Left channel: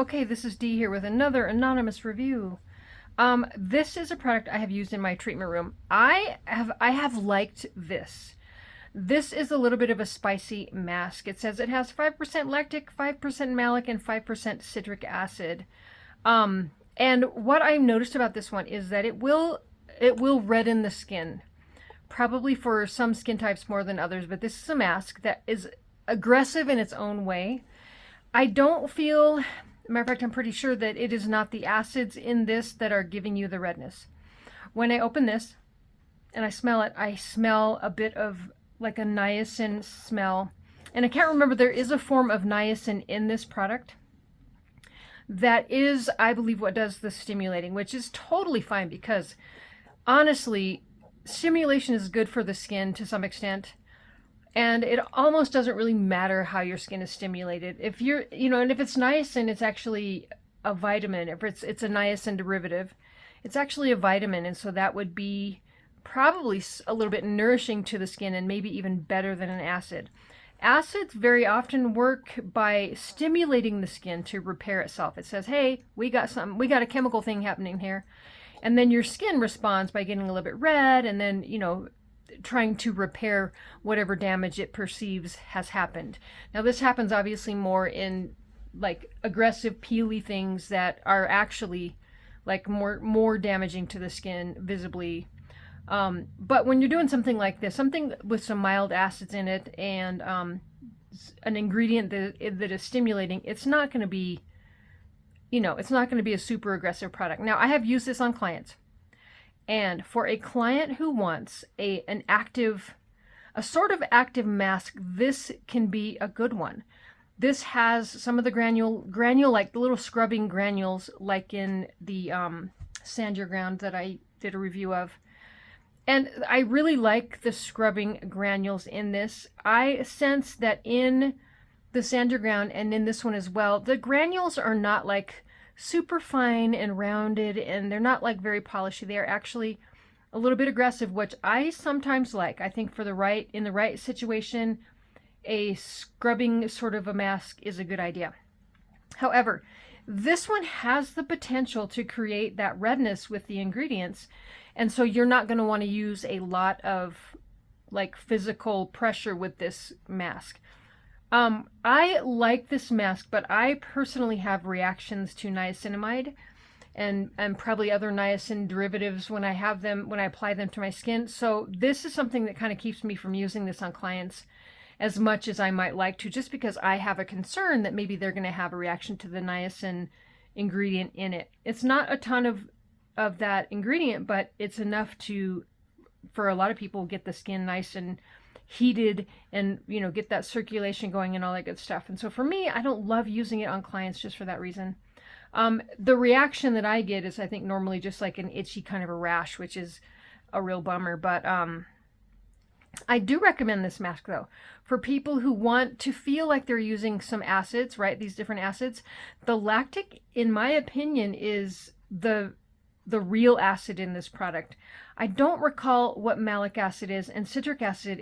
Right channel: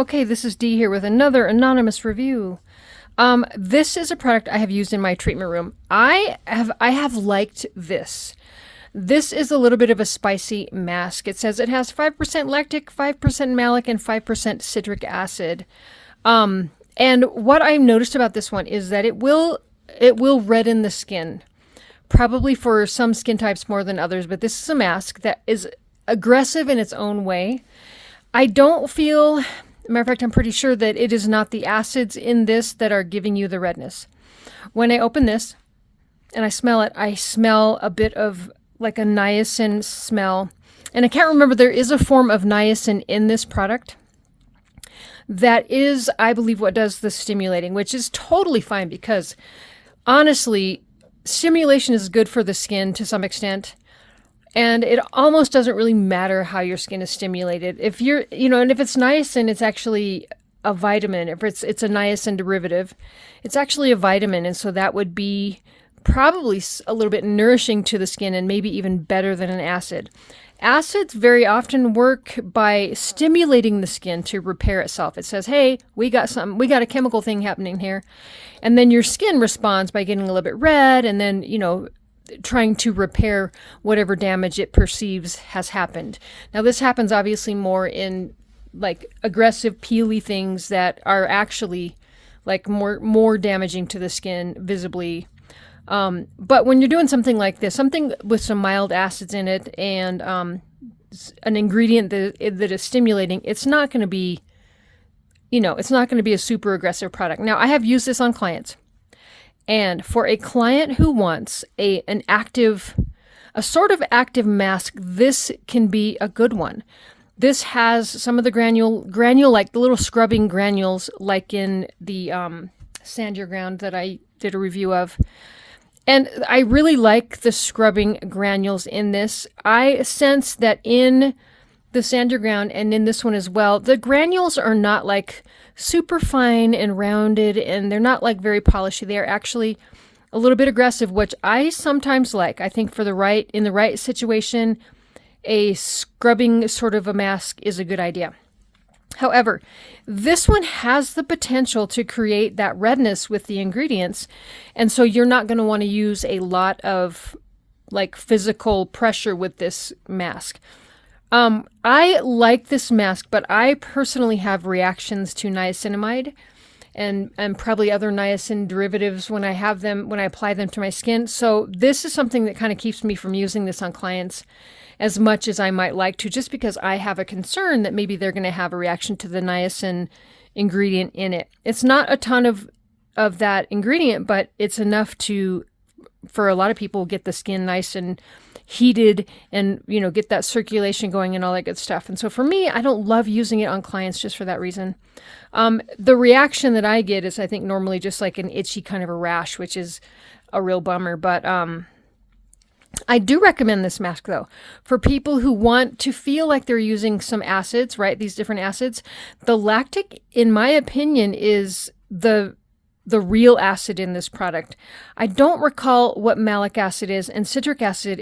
Okay, this is Dee here with another anonymous review. This is a product I have used in my treatment room. I have liked this. This is a little bit of a spicy mask. It says it has 5% lactic, 5% malic, and 5% citric acid. And what I've noticed about this one is that it will redden the skin. Probably for some skin types more than others, but this is a mask that is aggressive in its own way. I don't feel, matter of fact, I'm pretty sure that it is not the acids in this that are giving you the redness. When I open this and I smell it, I smell a bit of like a niacin smell. And I can't remember, there is a form of niacin in this product that is, I believe, what does the stimulating, which is totally fine because honestly, stimulation is good for the skin to some extent. And it almost doesn't really matter how your skin is stimulated. If you're, and if it's niacin, it's actually a vitamin. If it's a niacin derivative, it's actually a vitamin. And so that would be probably a little bit nourishing to the skin and maybe even better than an acid. Acids very often work by stimulating the skin to repair itself. It says, hey, we got a chemical thing happening here. And then your skin responds by getting a little bit red and then, trying to repair whatever damage it perceives has happened. Now, this happens obviously more in like aggressive peely things that are actually like more damaging to the skin visibly. But when you're doing something like this, something with some mild acids in it and an ingredient that is stimulating, it's not going to be, it's not going to be a super aggressive product. Now, I have used this on clients. And for a client who wants a sort of active mask, this can be a good one. This has some of the granule like the little scrubbing granules, like in the Sand Your Ground that I did a review of. And I really like the scrubbing granules in this. I sense that in the Sand Your Ground and in this one as well, the granules are not like super fine and rounded, and they're not like very polishy. They are actually a little bit aggressive, which I sometimes like. I think in the right situation, a scrubbing sort of a mask is a good idea. However, this one has the potential to create that redness with the ingredients, and so you're not going to want to use a lot of like physical pressure with this mask. I like this mask, but I personally have reactions to niacinamide and probably other niacin derivatives when I apply them to my skin. So this is something that kind of keeps me from using this on clients as much as I might like to, just because I have a concern that maybe they're going to have a reaction to the niacin ingredient in it. It's not a ton of that ingredient, but it's enough for a lot of people, get the skin nice and heated and, get that circulation going and all that good stuff. And so for me, I don't love using it on clients just for that reason. The reaction that I get is, I think, normally just like an itchy kind of a rash, which is a real bummer. But I do recommend this mask, though, for people who want to feel like they're using some acids, right? These different acids. The lactic, in my opinion, is the real acid in this product. I don't recall what malic acid is, and citric acid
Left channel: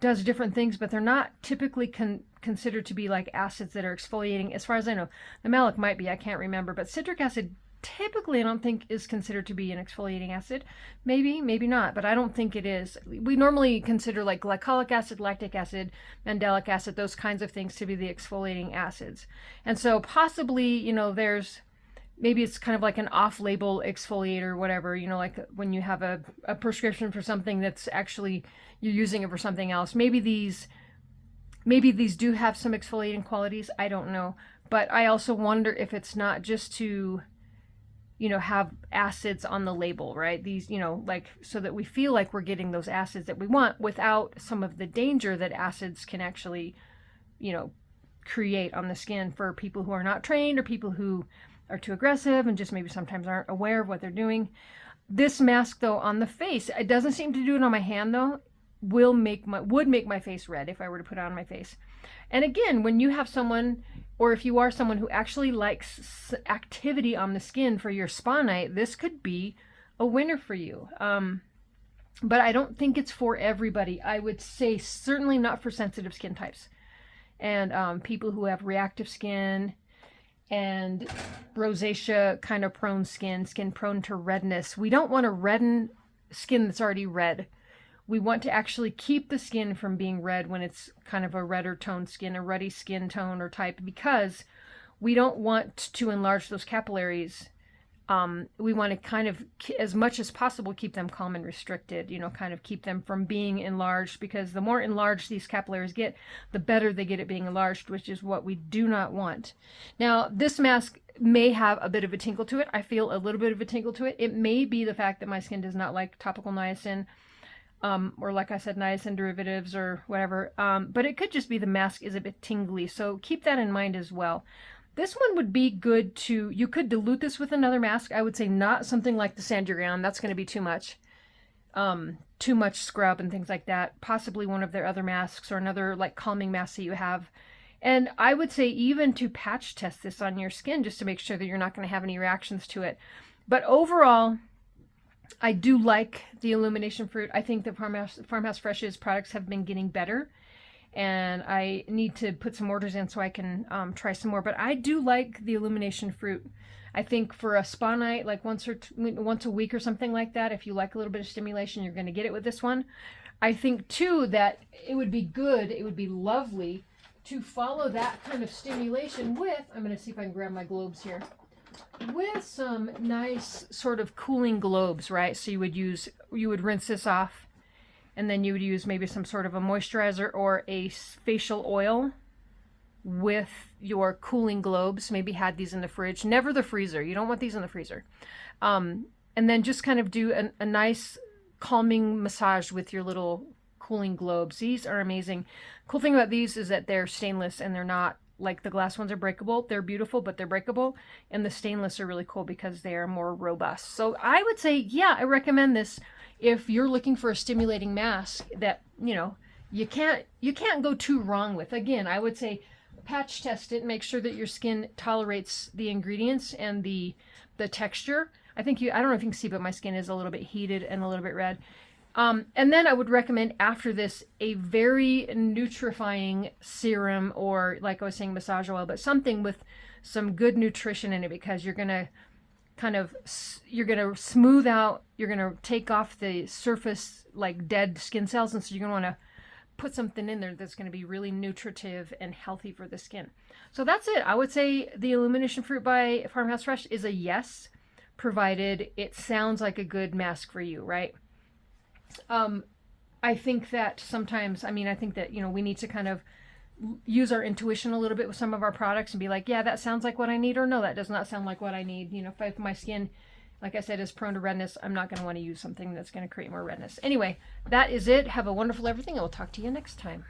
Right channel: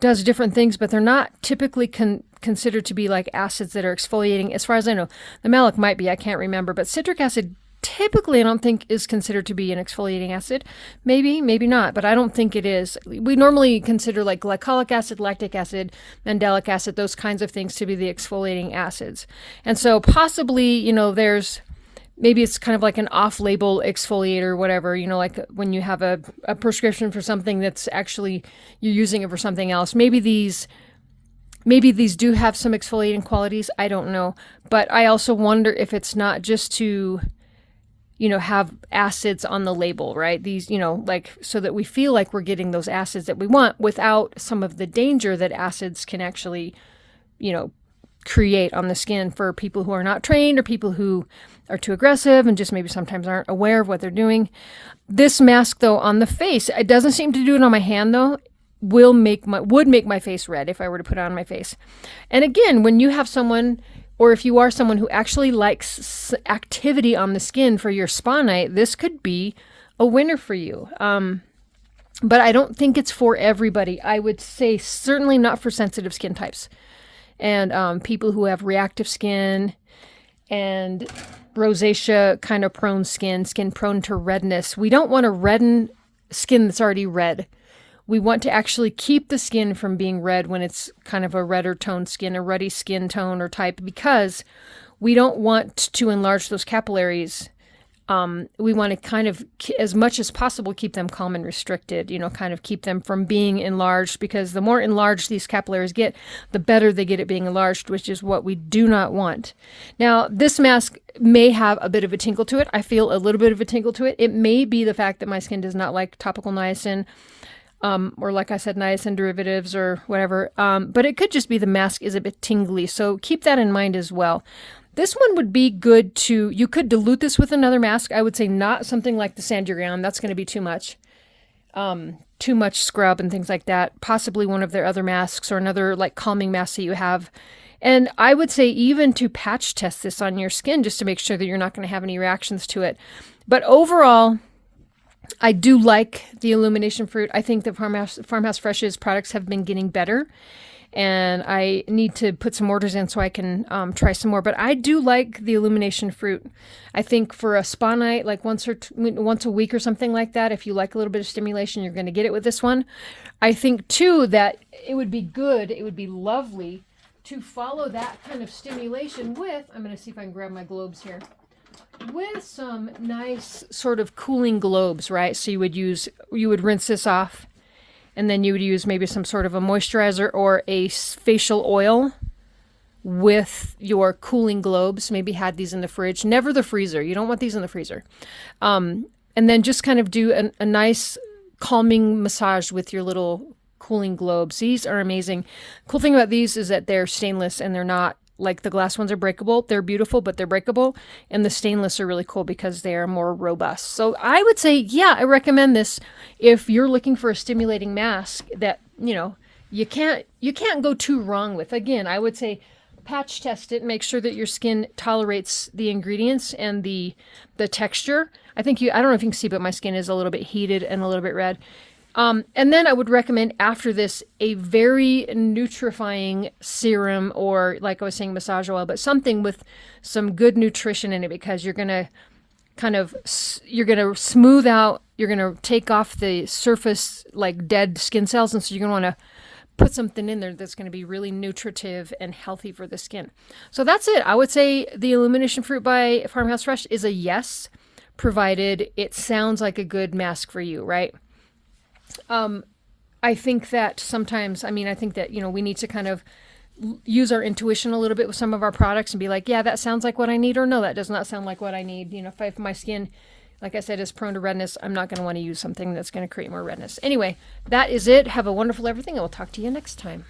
does different things, but they're not typically considered to be like acids that are exfoliating. As far as I know, the malic might be, I can't remember, but citric acid typically I don't think is considered to be an exfoliating acid. Maybe not, but I don't think it is. We normally consider like glycolic acid, lactic acid, mandelic acid, those kinds of things to be the exfoliating acids. And so possibly, maybe it's kind of like an off-label exfoliator or whatever, like when you have a prescription for something that's actually you're using it for something else. Maybe these do have some exfoliating qualities. I don't know. But I also wonder if it's not just to, have acids on the label, right? These, like so that we feel like we're getting those acids that we want without some of the danger that acids can actually, create on the skin for people who are not trained or people who are too aggressive and just maybe sometimes aren't aware of what they're doing. This mask, though, on the face, it doesn't seem to do it on my hand, though, would make my face red if I were to put it on my face. And again, when you have someone, or if you are someone who actually likes activity on the skin for your spa night, this could be a winner for you. But I don't think it's for everybody. I would say certainly not for sensitive skin types and people who have reactive skin. and rosacea kind of prone skin prone to redness. We don't want to redden skin that's already red. We want to actually keep the skin from being red when it's kind of a redder toned skin, a ruddy skin tone or type, because we don't want to enlarge those capillaries. We want to kind of, as much as possible, keep them calm and restricted, kind of keep them from being enlarged, because the more enlarged these capillaries get, the better they get at being enlarged, which is what we do not want. Now, this mask may have a bit of a tinkle to it. I feel a little bit of a tinkle to it. It may be the fact that my skin does not like topical niacin, or like I said, niacin derivatives or whatever. But it could just be the mask is a bit tingly. So keep that in mind as well. This one would be good to, you could dilute this with another mask. I would say not something like the Sand Your Ground. That's going to be too much. Too much scrub and things like that. Possibly one of their other masks or another like calming mask that you have. And I would say even to patch test this on your skin just to make sure that you're not going to have any reactions to it. But overall, I do like the Illumination fruit. I think that Farmhouse Fresh's products have been getting better. And I need to put some orders in so I can try some more. But I do like the Illumination fruit. I think for a spa night, like once a week or something like that, if you like a little bit of stimulation, you're going to get it with this one. I think, too, that it would be good, it would be lovely to follow that kind of stimulation with, I'm going to see if I can grab my globes here, with some nice sort of cooling globes, right? So you would rinse this off. And then you would use maybe some sort of a moisturizer or a facial oil with your cooling globes. Maybe had these in the fridge. Never the freezer. You don't want these in the freezer. And then just kind of do a nice calming massage with your little cooling globes. These are amazing. Cool thing about these is that they're stainless and they're not like the glass ones are breakable. They're beautiful, but they're breakable. And the stainless are really cool because they are more robust. So I would say, yeah, I recommend this if you're looking for a stimulating mask that, you can't go too wrong with. Again, I would say patch test it, make sure that your skin tolerates the ingredients and the texture. I don't know if you can see, but my skin is a little bit heated and a little bit red. And then I would recommend after this a very nutrifying serum, or like I was saying, massage oil, but something with some good nutrition in it, because you're going to smooth out, you're going to take off the surface like dead skin cells. And so you're going to want to put something in there that's going to be really nutritive and healthy for the skin. So that's it. I would say the Illumination Fruit by Farmhouse Fresh is a yes, provided it sounds like a good mask for you, right? I think that sometimes, I think that, we need to kind of use our intuition a little bit with some of our products and be like, yeah, that sounds like what I need, or no, that does not sound like what I need. If my skin, like I said, is prone to redness, I'm not going to want to use something that's going to create more redness. Anyway, that is it. Have a wonderful everything. I will talk to you next time.